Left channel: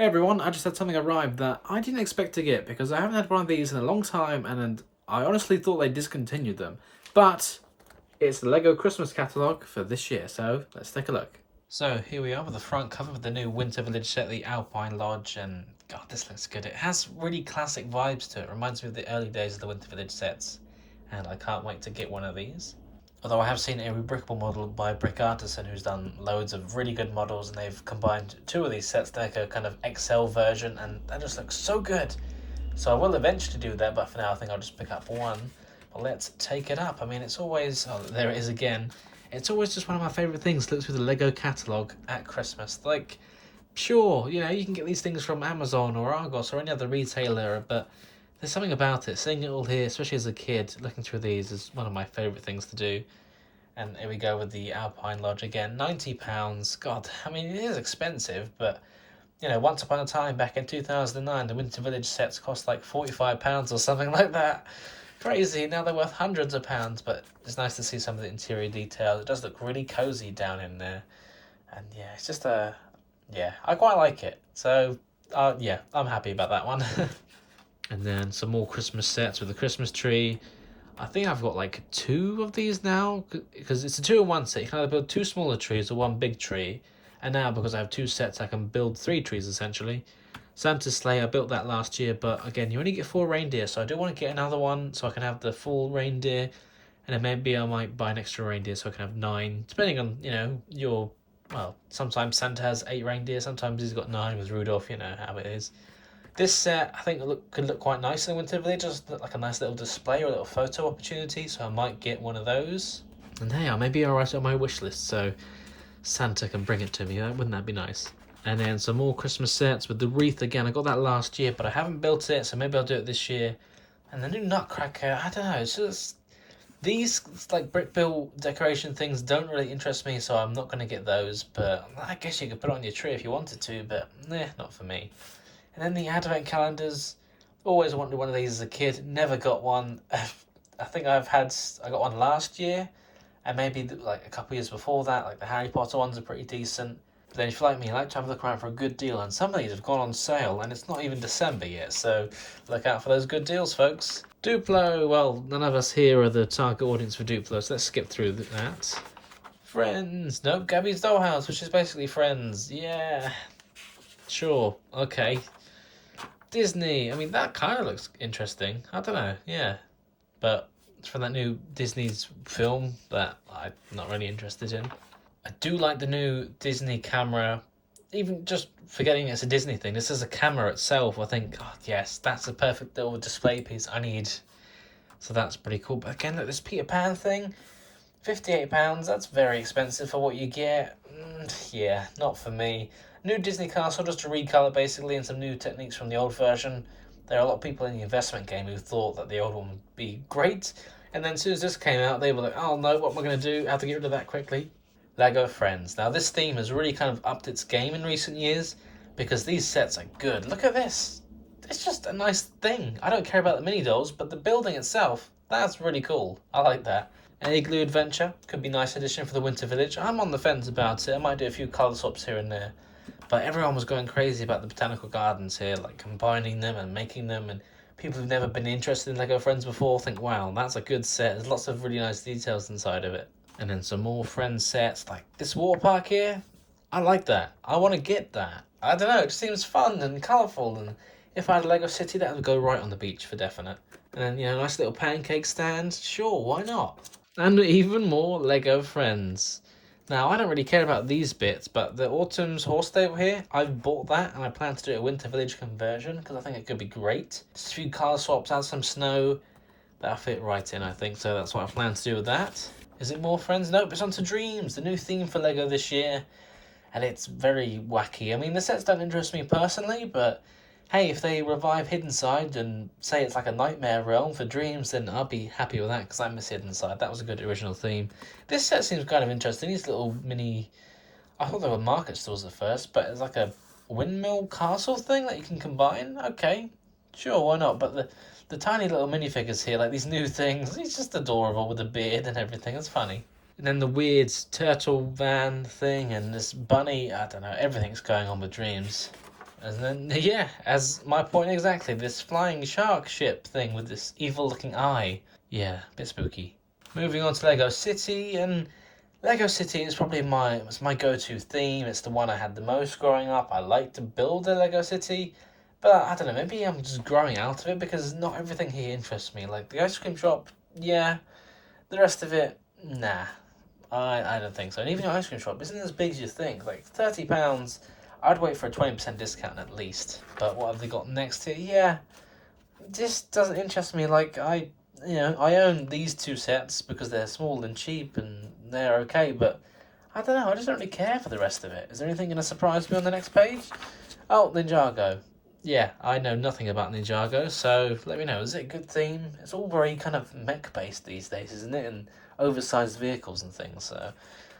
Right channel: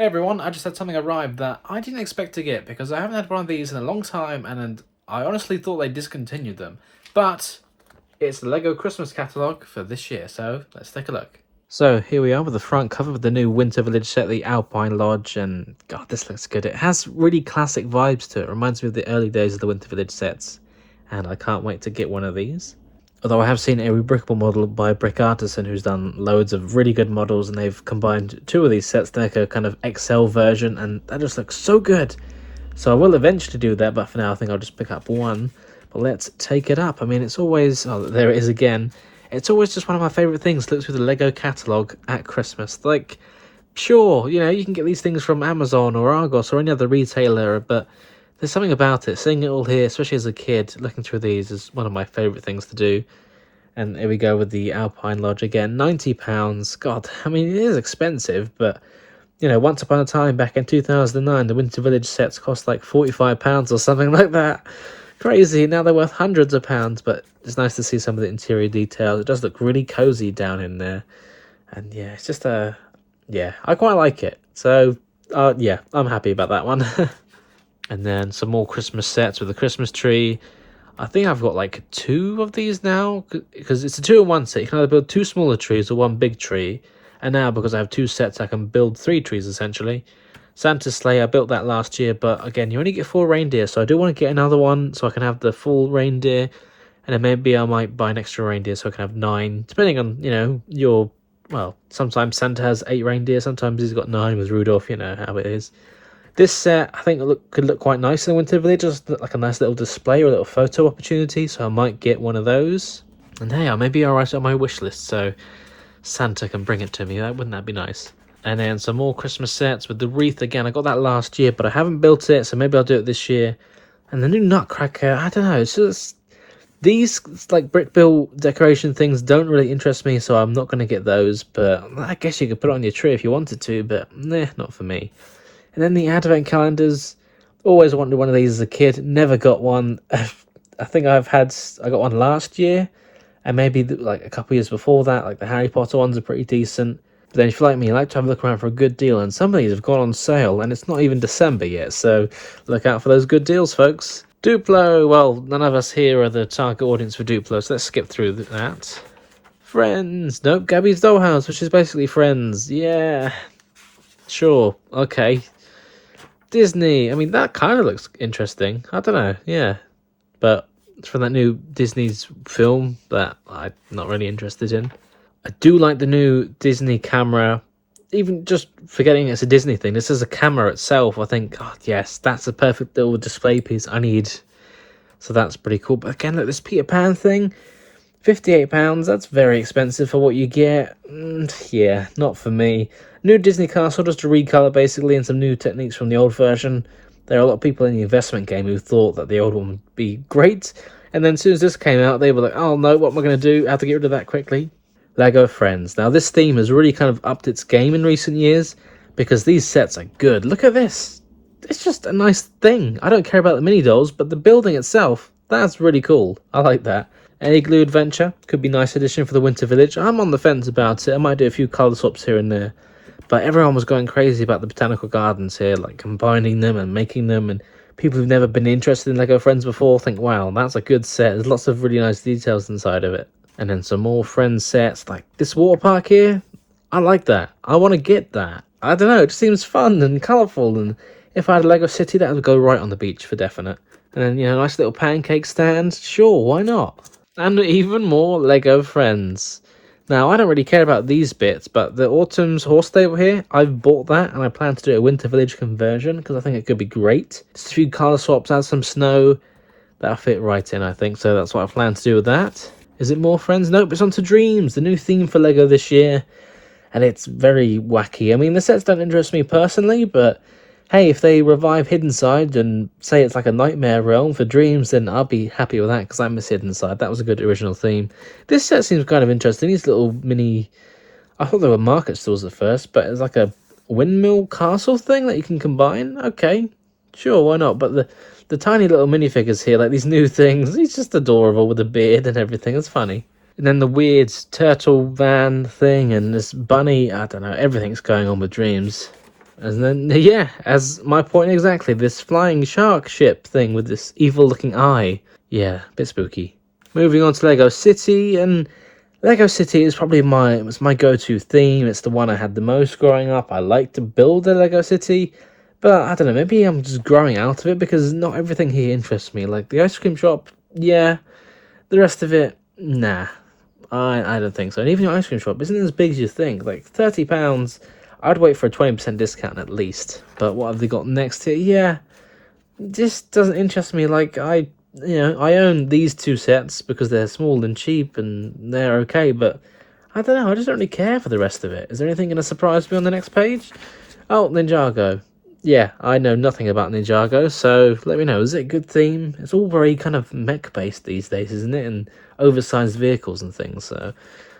Hey everyone, I just had something arrive that I didn't expect to get because I haven't had one of these in a long time and I honestly thought they discontinued them. But it's the LEGO Christmas catalogue for this year, so let's take a look. So here we are with the front cover of the new Winter Village set, the Alpine Lodge, and god, this looks good. It has really classic vibes to it. Reminds me of the early days of the Winter Village sets, and I can't wait to get one of these. Although I have seen a rebrickable model by Brick Artisan who's done loads of really good models, and they've combined two of these sets to make a kind of XL version, and that just looks so good. So I will eventually do that, but for now I think I'll just pick up one. But let's take it up. I mean, it's always... oh, there it is again. It's always just one of my favourite things to look through the LEGO catalogue at Christmas. Like, sure, you know, you can get these things from Amazon or Argos or any other retailer, but there's something about it. Seeing it all here, especially as a kid, looking through these is one of my favourite things to do. And here we go with the Alpine Lodge again. £90. God, I mean, it is expensive, but, you know, once upon a time, back in 2009, the Winter Village sets cost like £45 or something like that. Crazy. Now they're worth hundreds of pounds, but it's nice to see some of the interior details. It does look really cozy down in there. And yeah, it's just yeah, I quite like it. So, yeah, I'm happy about that one. And then some more Christmas sets with a Christmas tree. I think I've got like two of these now, because it's a 2-in-1 set. You can either build two smaller trees or one big tree. And now, because I have two sets, I can build 3 trees essentially. Santa's sleigh, I built that last year, but again, you only get 4 reindeer, so I do want to get another one so I can have the full reindeer. And then maybe I might buy an extra reindeer so I can have 9, depending on, you know, your... well, sometimes Santa has 8 reindeer, sometimes he's got 9 with Rudolph, you know how it is. This set, I think, could look quite nice in the Winter Village, just like a nice little display or a little photo opportunity, so I might get one of those. And hey, I may be alright on my wish list, so Santa can bring it to me. Wouldn't that be nice? And then some more Christmas sets with the wreath again. I got that last year, but I haven't built it, so maybe I'll do it this year. And the new Nutcracker, I don't know, it's just... these, like, brick built decoration things don't really interest me, so I'm not going to get those. But I guess you could put it on your tree if you wanted to, but nah, not for me. And then the advent calendars, always wanted one of these as a kid, never got one. I think I got one last year, and maybe like a couple years before that. Like the Harry Potter ones are pretty decent. But then if you're like me, you like to have a look around for a good deal, and some of these have gone on sale, and it's not even December yet, so look out for those good deals, folks. Duplo, well, none of us here are the target audience for Duplo, so let's skip through that. Friends, nope, Gabby's Dollhouse, which is basically Friends, yeah. Sure, okay. Disney, I mean, that kind of looks interesting. I don't know, yeah. But it's from that new Disney's film that I'm not really interested in. I do like the new Disney camera. Even just forgetting it's a Disney thing, this is a camera itself. I think, oh, yes, that's a perfect little display piece I need. So that's pretty cool. But again, look, this Peter Pan thing, £58, that's very expensive for what you get. Yeah, not for me. New Disney Castle, just a recolor basically, and some new techniques from the old version. There are a lot of people in the investment game who thought that the old one would be great, and then as soon as this came out, they were like, oh no, what am I going to do? I have to get rid of that quickly. LEGO Friends. Now this theme has really kind of upped its game in recent years, because these sets are good. Look at this. It's just a nice thing. I don't care about the mini dolls, but the building itself, that's really cool. I like that. An Igloo Adventure could be a nice addition for the Winter Village. I'm on the fence about it. I might do a few colour swaps here and there. But everyone was going crazy about the botanical gardens here, like combining them and making them, and people who've never been interested in LEGO Friends before think, wow, that's a good set. There's lots of really nice details inside of it. And then some more Friends sets, like this water park here. I like that. I want to get that. I don't know, it just seems fun and colourful, and if I had a LEGO City, that would go right on the beach for definite. And then, you know, nice little pancake stand. Sure, why not? And even more LEGO Friends. Now, I don't really care about these bits, but the Autumn's horse stable here, I've bought that, and I plan to do a Winter Village conversion, because I think it could be great. Just a few colour swaps, add some snow. That'll fit right in, I think, so that's what I plan to do with that. Is it more Friends? Nope, it's on to Dreams, the new theme for LEGO this year. And it's very wacky. I mean, the sets don't interest me personally, but hey, if they revive Hidden Side and say it's like a nightmare realm for Dreams, then I'll be happy with that, because I miss Hidden Side. That was a good original theme. This set seems kind of interesting. These little mini... I thought they were market stalls at first, but it's like a windmill castle thing that you can combine. Okay, sure, why not? But the tiny little minifigures here, like these new things, he's just adorable with a beard and everything. It's funny. And then the weird turtle van thing and this bunny, I don't know, everything's going on with Dreams. And then, yeah, as my point exactly, this flying shark ship thing with this evil-looking eye. Yeah, a bit spooky. Moving on to Lego City, and Lego City is probably my go-to theme. It's the one I had the most growing up. I like to build a Lego City, but I don't know, maybe I'm just growing out of it because not everything here interests me. Like the ice cream shop, yeah, the rest of it, nah. I don't think so. And even your ice cream shop isn't as big as you think. Like £30, I'd wait for a 20% discount at least. But what have they got next here? Yeah, this doesn't interest me. Like I own these two sets because they're small and cheap and they're okay. But I don't know. I just don't really care for the rest of it. Is there anything going to surprise me on the next page? Oh, Ninjago. Yeah, I know nothing about Ninjago, so let me know. Is it a good theme? It's all very kind of mech-based these days, isn't it? And oversized vehicles and things, so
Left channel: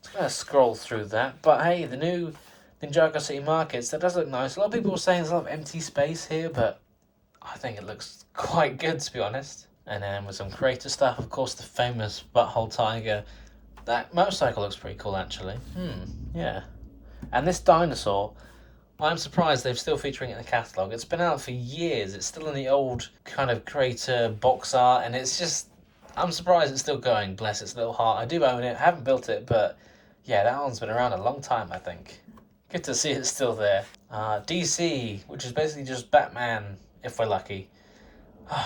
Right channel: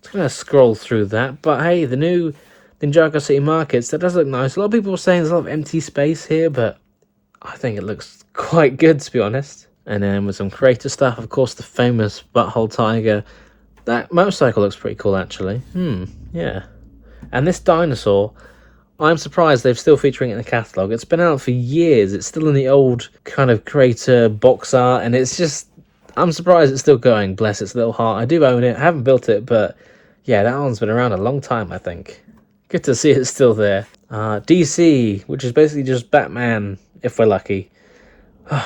it's going to scroll through that. But hey, the new Ninjago City Markets, that does look nice. A lot of people were saying there's a lot of empty space here, but I think it looks quite good, to be honest. And then with some creator stuff, of course, the famous Butthole Tiger. That motorcycle looks pretty cool, actually. Yeah. And this dinosaur, I'm surprised they're still featuring it in the catalogue. It's been out for years. It's still in the old kind of creator box art, and it's just, I'm surprised it's still going. Bless its little heart. I do own it. I haven't built it, but yeah, that one's been around a long time, I think. Good to see it's still there. DC, which is basically just Batman, if we're lucky.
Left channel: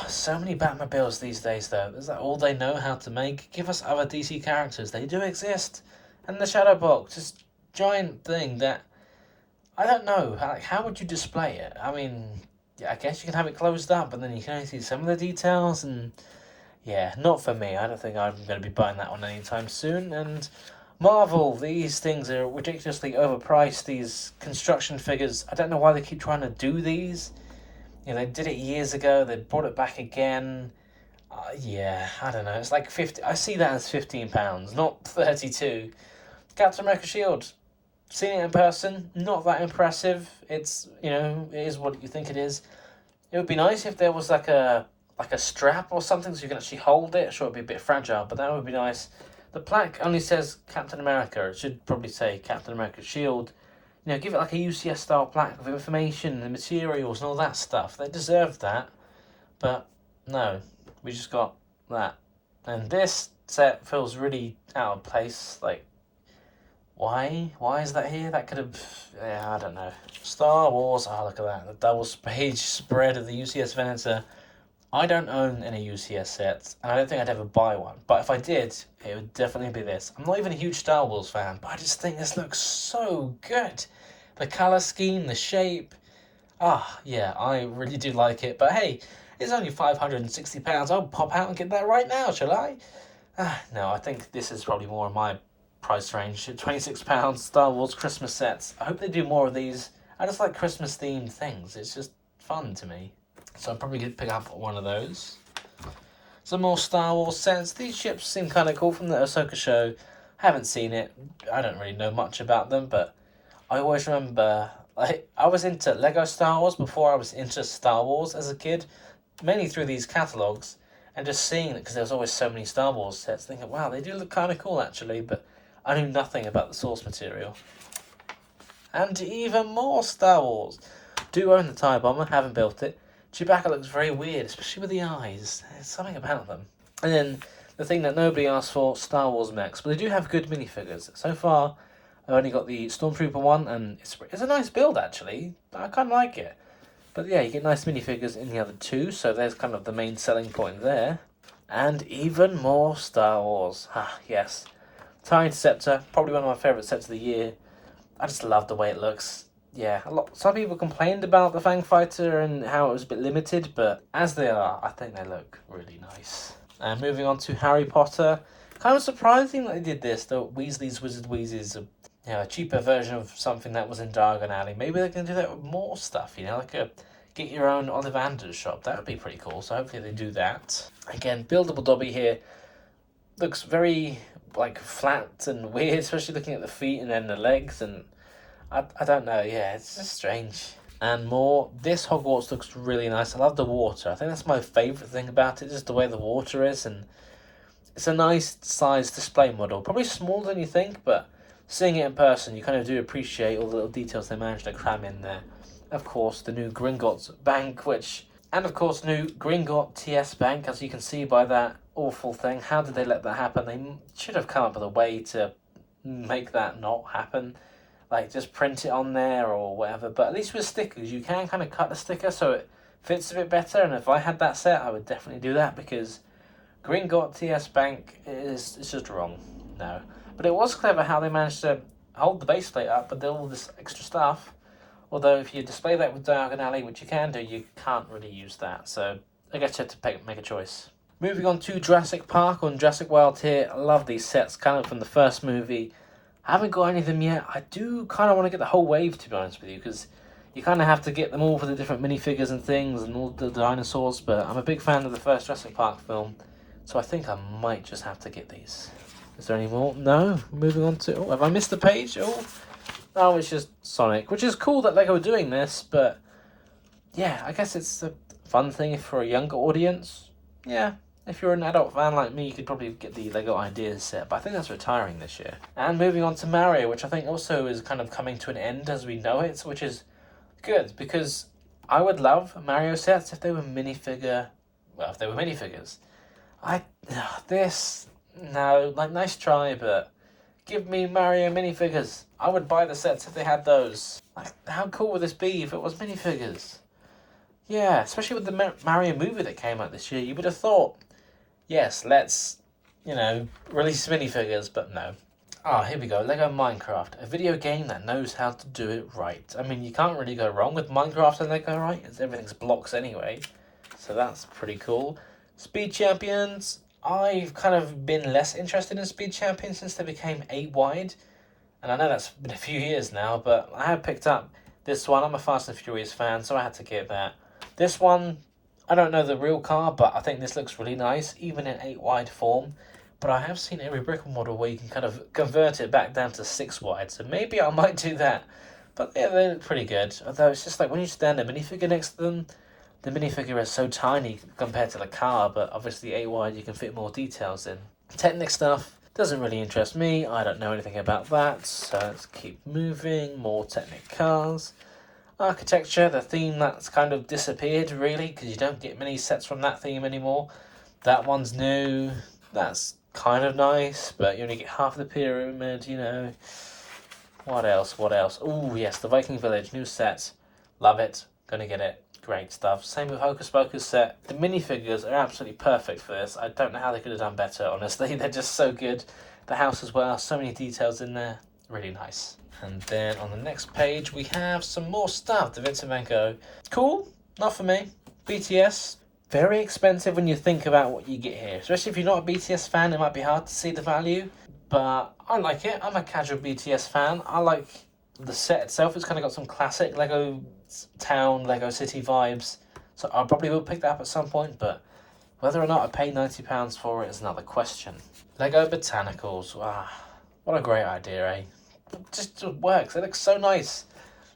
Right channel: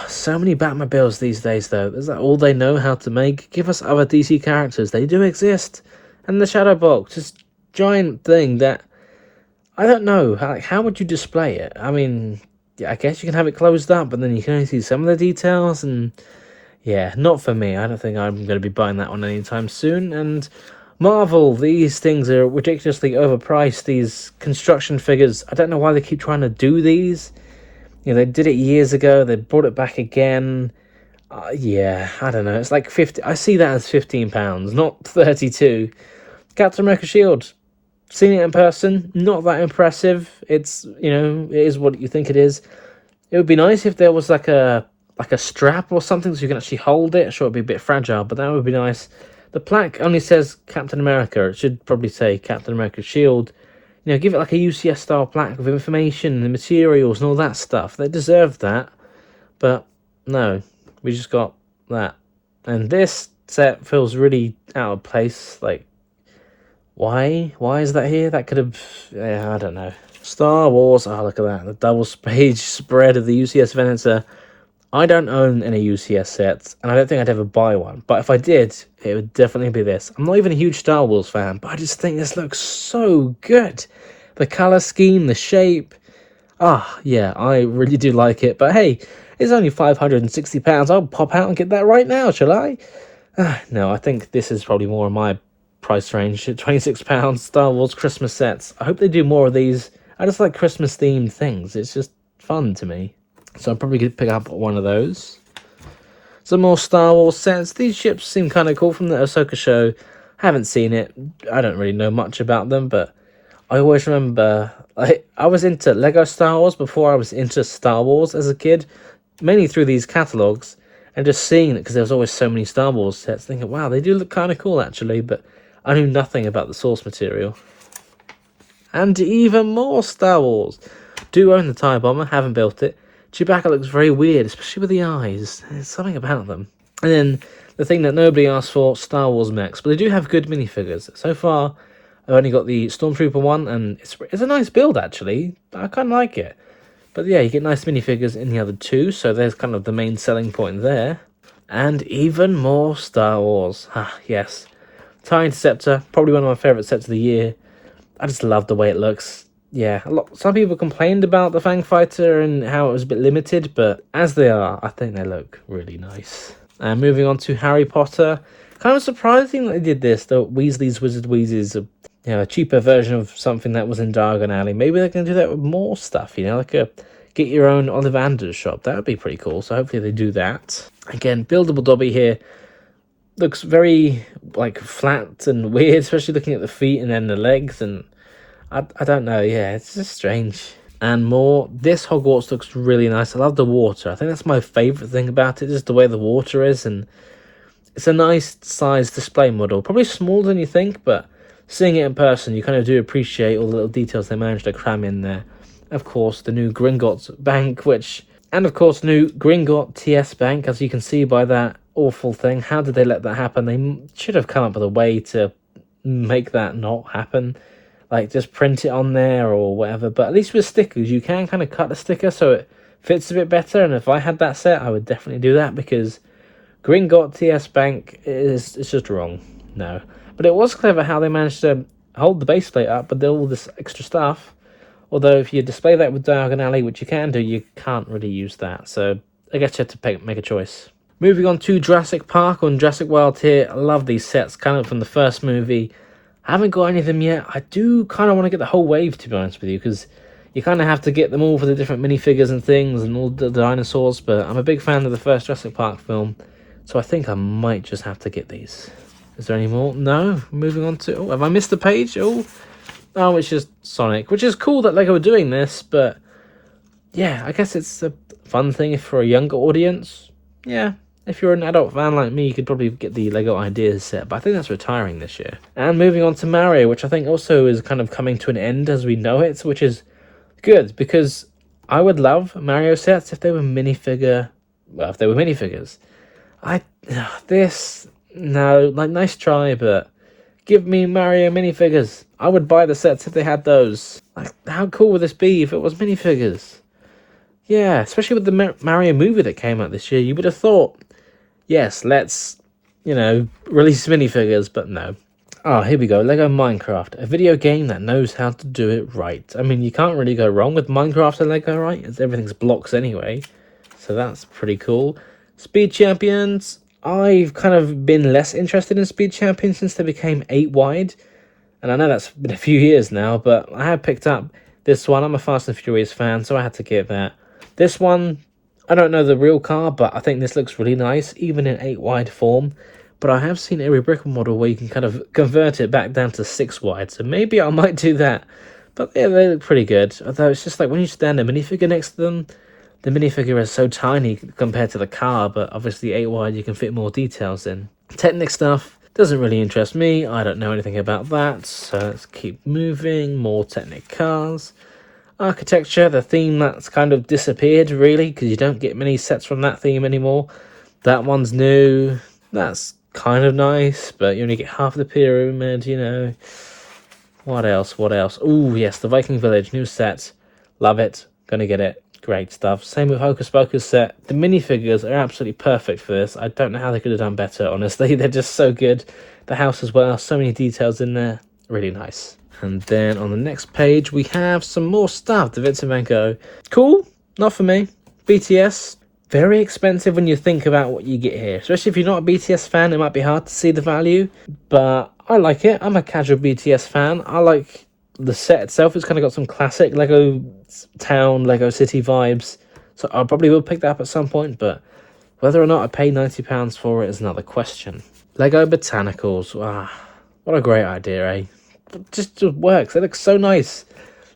So many Batmobiles these days, though. Is that all they know how to make? Give us other DC characters. They do exist. And the Shadow Box, this giant thing that, I don't know, how would you display it? I mean, yeah, I guess you can have it closed up, but then you can only see some of the details, and yeah, not for me. I don't think I'm going to be buying that one anytime soon. And Marvel, these things are ridiculously overpriced, these construction figures. I don't know why they keep trying to do these. They did it years ago, they brought it back again. Yeah, I don't know, it's like 50, I see that as £15, not 32. Captain America Shield, seen it in person, not that impressive. It's, it is what you think it is. It would be nice if there was like a strap or something so you can actually hold it. Sure, it'd be a bit fragile, but that would be nice. The plaque only says Captain America. It should probably say Captain America Shield. Give it like a UCS style plaque with information and the materials and all that stuff. They deserve that. But no, we just got that. And this set feels really out of place. Like, why? Why is that here? That could have, I don't know. Star Wars, look at that. The double page spread of the UCS Venator. I don't own any UCS sets, and I don't think I'd ever buy one. But if I did, it would definitely be this. I'm not even a huge Star Wars fan, but I just think this looks so good. The colour scheme, the shape. Yeah, I really do like it. But hey, it's only £560. I'll pop out and get that right now, shall I? No, I think this is probably more in my price range. £26 Star Wars Christmas sets. I hope they do more of these. I just like Christmas-themed things. It's just fun to me. So I'm probably going to pick up one of those. Some more Star Wars sets. These ships seem kind of cool from the Ahsoka show. Haven't seen it. I don't really know much about them, but I always remember, I was into Lego Star Wars before I was into Star Wars as a kid, mainly through these catalogues, and just seeing it because there was always so many Star Wars sets, thinking, wow, they do look kind of cool actually, but I knew nothing about the source material. And even more Star Wars. Do own the TIE Bomber, haven't built it. Chewbacca looks very weird, especially with the eyes. There's something about them. And then the thing that nobody asked for, Star Wars mechs. But they do have good minifigures. So far, I've only got the Stormtrooper one, and it's a nice build, actually. I kind of like it. But yeah, you get nice minifigures in the other two, so there's kind of the main selling point there. And even more Star Wars. Yes. TIE Interceptor, probably one of my favourite sets of the year. I just love the way it looks. Yeah, some people complained about the Fang Fighter and how it was a bit limited, but as they are, I think they look really nice. And moving on to Harry Potter. Kind of surprising that they did this, though. Weasley's Wizard Wheezes, a cheaper version of something that was in Diagon Alley. Maybe they're going to do that with more stuff, like a get your own Ollivanders shop. That would be pretty cool, so hopefully they do that. Again, buildable Dobby here. Looks very, flat and weird, especially looking at the feet and then the legs, and I don't know, yeah, it's just strange. And more, this Hogwarts looks really nice. I love the water. I think that's my favourite thing about it, just the way the water is, and it's a nice size display model. Probably smaller than you think, but seeing it in person, you kind of do appreciate all the little details they managed to cram in there. Of course, the new Gringotts Bank, and of course, new Gringotts TS Bank, as you can see by that awful thing. How did they let that happen? They should have come up with a way to make that not happen. Like, just print it on there or whatever. But at least with stickers, you can kind of cut the sticker so it fits a bit better. And if I had that set, I would definitely do that, because Gringotts TS Bank it's just wrong. No. But it was clever how they managed to hold the base plate up, but then all this extra stuff. Although if you display that with diagonally, which you can do, you can't really use that. So I guess you have to make a choice. Moving on to Jurassic Park on Jurassic World here. I love these sets, kind of from the first movie. I haven't got any of them yet. I do kind of want to get the whole wave, to be honest with you, because you kind of have to get them all for the different minifigures and things and all the dinosaurs. But I'm a big fan of the first Jurassic Park film, so I think I might just have to get these. Is there any more? No. Moving on to... Oh, have I missed the page? Oh, it's just Sonic, which is cool that LEGO are doing this, but yeah, I guess it's a fun thing if for a younger audience. Yeah, if you're an adult fan like me, you could probably get the LEGO Ideas set, but I think that's retiring this year. And moving on to Mario, which I think also is kind of coming to an end as we know it, which is good, because I would love Mario sets if they were minifigures. No, like, nice try, but give me Mario minifigures. I would buy the sets if they had those. Like, how cool would this be if it was minifigures? Yeah, especially with the Mario movie that came out this year, you would have thought, yes, let's, release minifigures, but no. Oh, here we go, LEGO Minecraft, a video game that knows how to do it right. I mean, you can't really go wrong with Minecraft and LEGO, right? Everything's blocks anyway, so that's pretty cool. Speed Champions, I've kind of been less interested in Speed Champions since they became 8 wide. And I know that's been a few years now, but I have picked up this one. I'm a Fast and Furious fan, so I had to get that. This one, I don't know the real car, but I think this looks really nice, even in 8 wide form. But I have seen every brick model where you can kind of convert it back down to 6 wide, so maybe I might do that. But yeah, they look pretty good. Although it's just like when you stand a minifigure next to them, the minifigure is so tiny compared to the car, but obviously 8 wide you can fit more details in. Technic stuff doesn't really interest me. I don't know anything about that, so let's keep moving. More Technic cars. Architecture, the theme that's kind of disappeared really, because you don't get many sets from that theme anymore. That one's new. That's kind of nice, but you only get half the pyramid, What else? Oh yes, the Viking Village, new set. Love it. Gonna get it. Great stuff. Same with Hocus Pocus set. The minifigures are absolutely perfect for this. I don't know how they could have done better, honestly. They're just so good. The house as well, so many details in there. Really nice. And then on the next page, we have some more stuff. The Vincent van Gogh. Cool. Not for me. BTS. Very expensive when you think about what you get here. Especially if you're not a BTS fan, it might be hard to see the value. But I like it. I'm a casual BTS fan. I like the set itself. It's kind of got some classic Lego town, Lego city vibes, so I probably will pick that up at some point, but whether or not I pay £90 for it is another question. Lego Botanicals, what a great idea, eh? It just works. It looks so nice.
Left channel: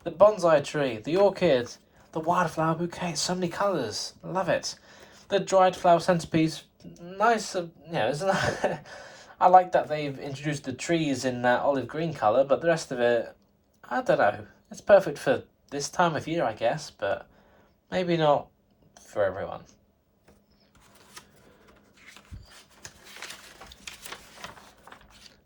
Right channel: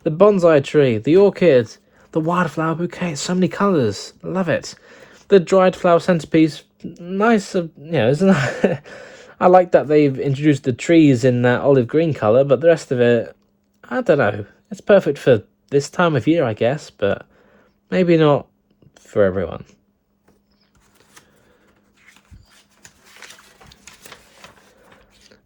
The bonsai tree, the orchid, the wildflower bouquet, so many colours. I love it. The dried flower centerpiece, nice, isn't it? I like that they've introduced the trees in that olive green colour, but the rest of it, I don't know. It's perfect for this time of year, I guess, but maybe not for everyone.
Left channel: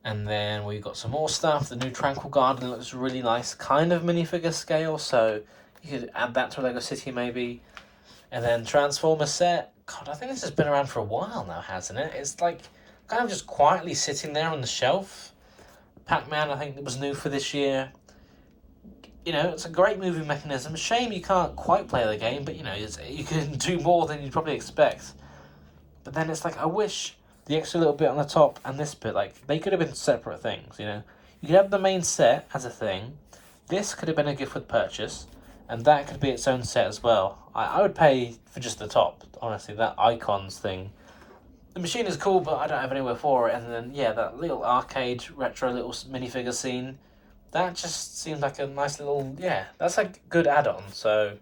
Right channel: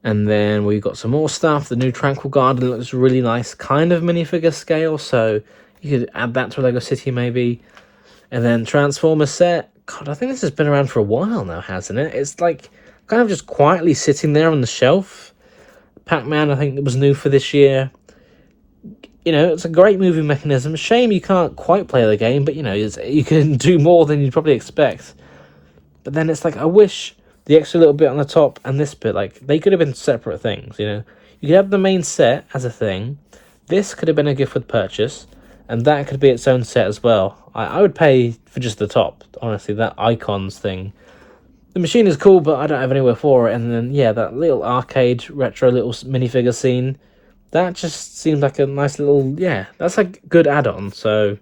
And then we've got some more stuff. The new Tranquil Garden looks really nice, kind of minifigure scale, so you could add that to a Lego City maybe. And then Transformer set. God, I think this has been around for a while now, hasn't it? It's like kind of just quietly sitting there on the shelf. Pac-Man, I think it was new for this year. It's a great moving mechanism. Shame you can't quite play the game, but, you can do more than you'd probably expect. But then it's like, I wish the extra little bit on the top and this bit, like, they could have been separate things, You could have the main set as a thing. This could have been a gift with purchase, and that could be its own set as well. I would pay for just the top, honestly, that icons thing. The machine is cool, but I don't have anywhere for it. And then, yeah, that little arcade, retro little minifigure scene. That just seemed like a nice little, that's a good add-on. So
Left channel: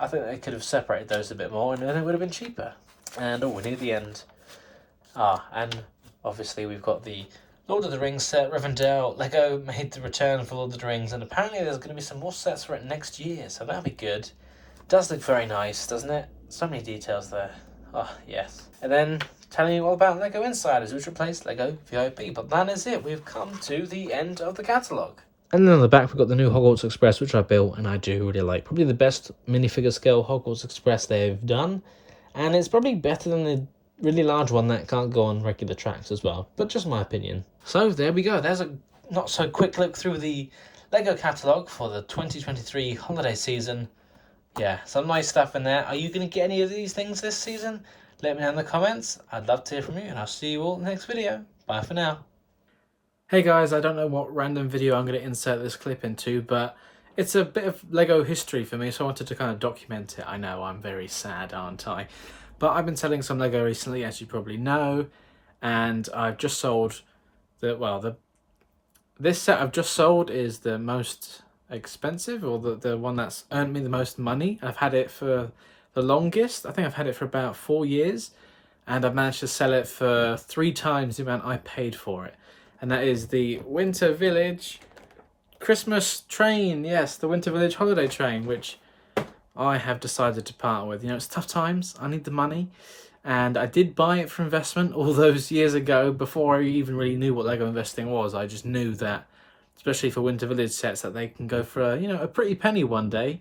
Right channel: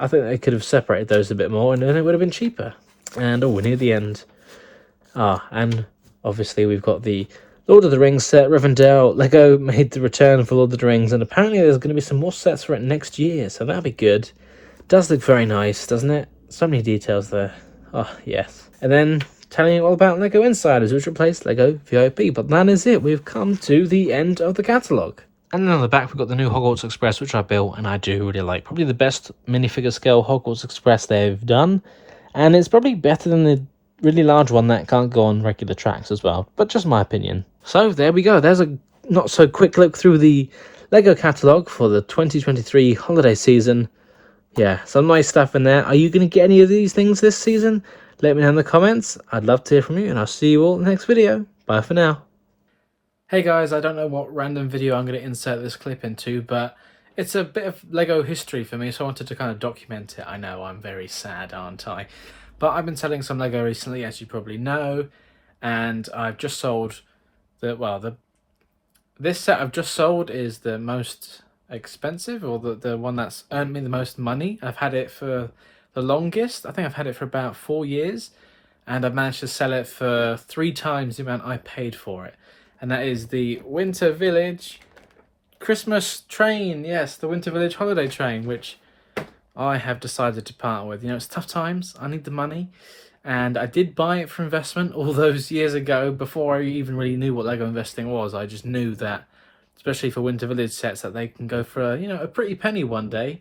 I think they could have separated those a bit more and then it would have been cheaper. And we're near the end. And obviously we've got the Lord of the Rings set, Rivendell. Lego made the return for Lord of the Rings, and apparently there's going to be some more sets for it next year, so that'll be good. Does look very nice, doesn't it? So many details there. Oh, yes. And then telling you all about Lego Insiders, which replaced Lego VIP. But that is it. We've come to the end of the catalogue. And then on the back, we've got the new Hogwarts Express, which I built, and I do really like. Probably the best minifigure scale Hogwarts Express they've done. And it's probably better than the really large one that can't go on regular tracks as well. But just my opinion. So there we go. There's a not so quick look through the Lego catalogue for the 2023 holiday season. Yeah, some nice stuff in there. Are you going to get any of these things this season? Let me know in the comments. I'd love to hear from you, and I'll see you all in the next video. Bye for now. Hey guys, I don't know what random video I'm going to insert this clip into, but it's a bit of Lego history for me, so I wanted to kind of document it. I know, I'm very sad, aren't I? But I've been selling some Lego recently, as you probably know, and I've just sold this set I've just sold is the most expensive, or the one that's earned me the most money. I've had it for the longest. I think I've had it for about 4 years, and I've managed to sell it for 3 times the amount I paid for it. And that is the Winter Village Christmas train. Yes, the Winter Village holiday train, which I have decided to partner with. You know, it's tough times. I need the money. And I did buy it for investment all those years ago, before I even really knew what Lego investing was. I just knew that, especially for Winter Village sets, that they can go for a pretty penny one day.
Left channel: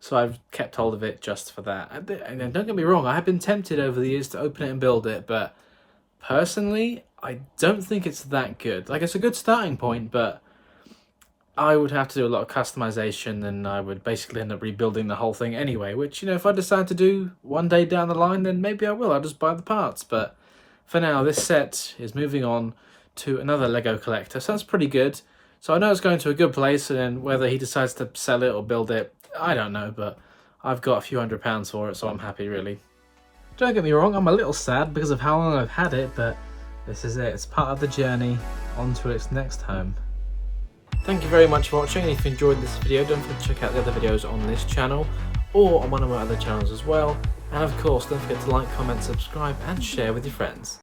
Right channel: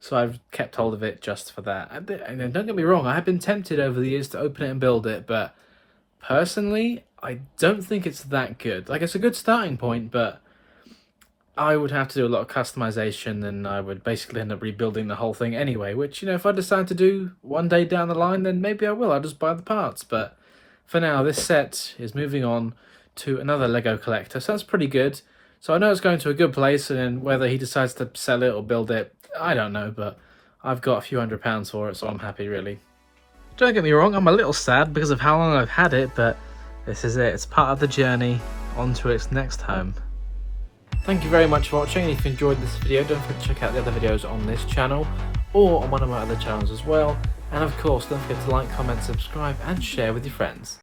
So I've kept hold of it just for that. And don't get me wrong, I have been tempted over the years to open it and build it, but personally, I don't think it's that good. Like, it's a good starting point, but I would have to do a lot of customization, and I would basically end up rebuilding the whole thing anyway, which, if I decide to do one day down the line, then maybe I will. I'll just buy the parts. But for now, this set is moving on to another Lego collector, so that's pretty good. So I know it's going to a good place, and then whether he decides to sell it or build it, I don't know, but I've got a few £100s for it, so I'm happy, really. Don't get me wrong, I'm a little sad because of how long I've had it, but this is it. It's part of the journey on to its next home. Thank you very much for watching. If you enjoyed this video, don't forget to check out the other videos on this channel or on one of my other channels as well. And of course, don't forget to like, comment, subscribe and share with your friends.